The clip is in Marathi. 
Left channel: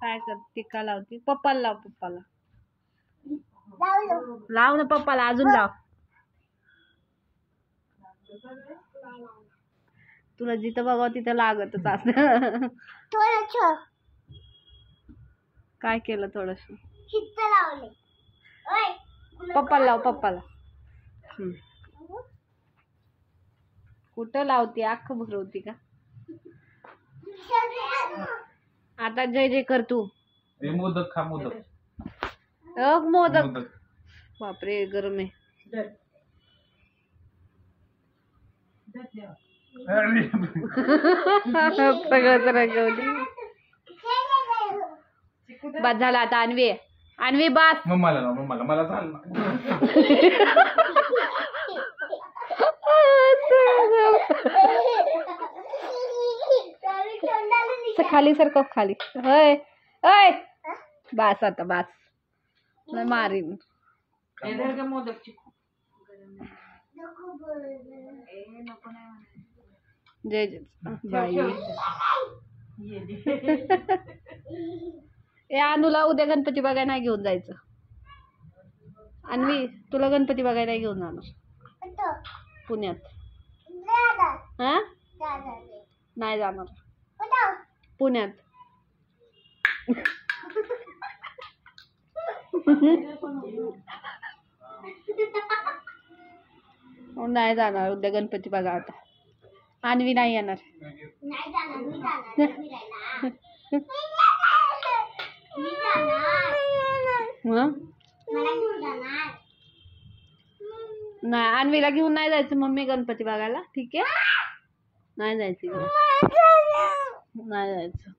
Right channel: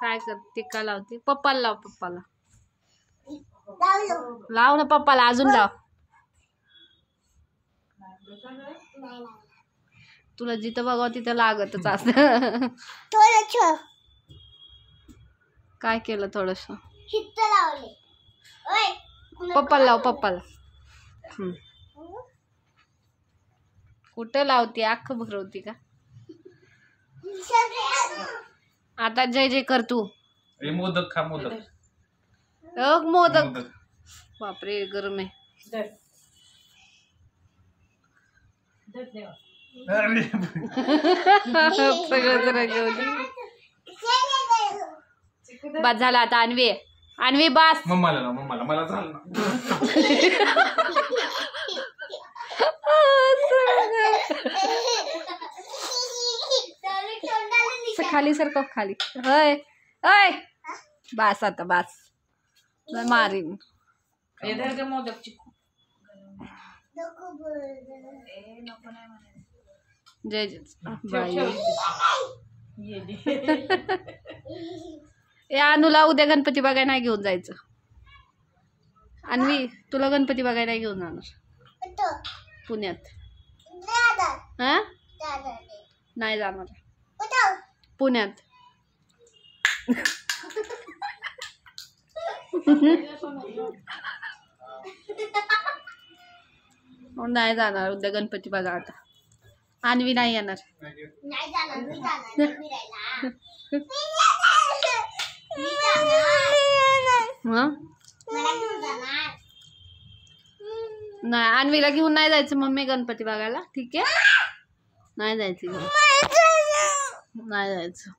काय करते का लावते? पप्पाला लाव, पप्पाला लाव ना, पप्पाला अजून लाव. तुला जिथं बघाव तिथं लागतच असं. काय केलं थोडस? पप्पाला लाव, पप्पाला. कुठं लावते? अख्खं भरवती का? आता जय जय कर तू. मोदक खा, मोदक. मोदक. बापरे गरम आहे. सगळंच रंगवली. बस झालं आता. अन्वी, अन्वी बस. मम्माला ना, मम्माला मला झालं. खाली सरकव, खाली. होय होय, बस आता, बस. मारीन. जय जय बाई. अनुला उद्या गणपती बघायला नाही घेऊन जायचं. अन्वी, तुला गणपती बघायला घेऊन जाणार पुण्यात. हा, नाही जाणार पुण्यात. नाही जाणार उद्या गणपती बघा. आता अन्वी नाही येणार. नाही, अन्वीला घेऊन नाही जायचं मम्मी गणपती बघायला. ठीक आहे, नाही जायचं, नाही जायचं.